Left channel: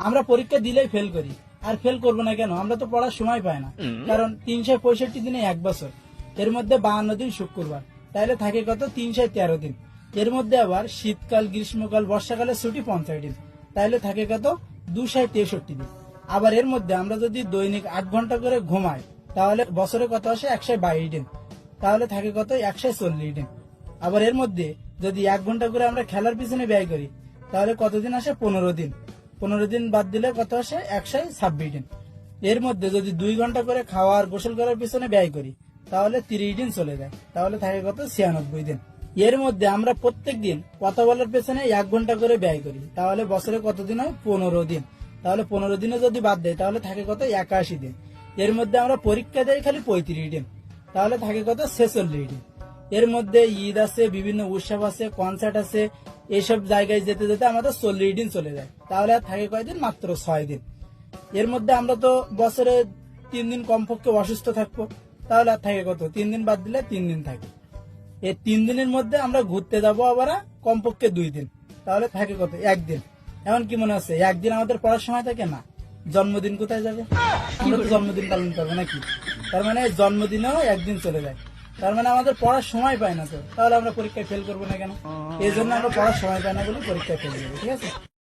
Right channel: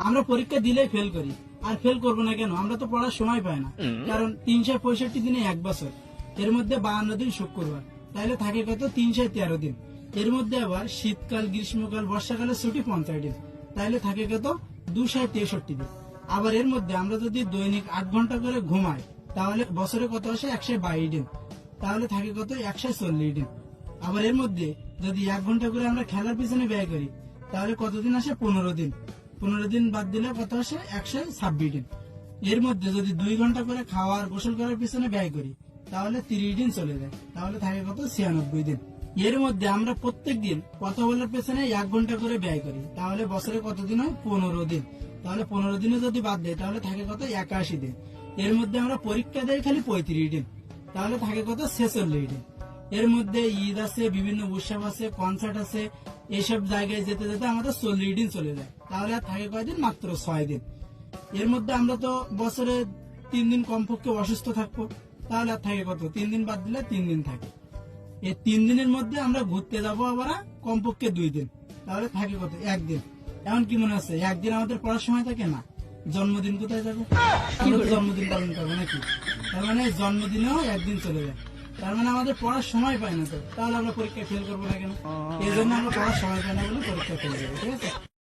আমরা পরীক্ষা দিলেই ফেল করি। আর ফেল করবো না কেন? আমরা তো পড়ার সময় পাই না। কারণ 365 দিনে 1 বছর, এর মধ্যে 52 দিন শুক্রবার, তাহলে থাকে কত? 313 দিন। এর মধ্যে আবার শীতকাল, গ্রীষ্মকাল, বর্ষাকালের ছুটি 50 দিন, তাহলে থাকে কত? 263 দিন। আবার এর মধ্যে আমরা যদি দৈনিক 8 ঘন্টা করে ঘুমাই, তাহলে বছরে কত আসে? 122 দিন, তাহলে থাকে কত? 140 দিন। আবার এর মধ্যে যদি 1 ঘন্টা করে আমরা খেলার পিছনে ব্যয় করি, তাহলে কতদিন আসে? 15 দিন। 15 দিন বাদ দিলে কত আসে? 126 দিন। এর মধ্যে যদি 2 ঘন্টা করে খাওয়া আর গোসল করার পিছনে ব্যয় করি, তাহলে 30 দিন চলে যায়, তাহলে থাকে কত? 96 দিন। এর মধ্যে আমরা প্রত্যেক দিন কথা বলার পেছনে 1 ঘন্টা করে ব্যয় করি, তাহলে বছরে কতদিন হয়? 15 দিন। তাহলে 15 দিনে যদি বাদ দেয়, তাহলে থাকে কত? 81 দিন। এর মধ্যে আমরা পরীক্ষা দেই খালি 35 দিন, তাহলে থাকে কত? 46 দিন। এর মধ্যে ঈদ আছে, বিভিন্ন উৎসব আছে, কনসার্ট আছে, এইসব জায়গায় যেতে যেতে আমাদের 40 দিন চলে যায়, তাহলে আর থাকে কয়দিন? মাত্র 6 দিন। এর মধ্যে আমরা তো বছরে 3 দিন কমপক্ষে অসুস্থ থাকবো, তাহলে আর থাকে কত? 3 দিন বাদ দিলে 3 দিন থাকে। এই 3 দিনের মধ্যে আমরা ঘুরতে যাবো আবার কমপক্ষে 2 দিন, তাহলে থাকে কত? 1 দিন। এমন কি মনে হচ্ছে 1 দিন আমাদের পড়ার সময় থাকে না? জন্মদিন কোথায় যাবে? আমরা তো জন্মদিন পালন করবো নাকি? তার মানে জন্মদিনেও 1 দিন চলে যায়, তার মানে আমাদের পড়ার সময় পায় না। তো তাহলে আমরা পরীক্ষায় ফেল করবো না কেন? এই জন্য আমরা পড়ার সময় পাই না বলে পরীক্ষায় ফেল করবো, ঠিক আছে?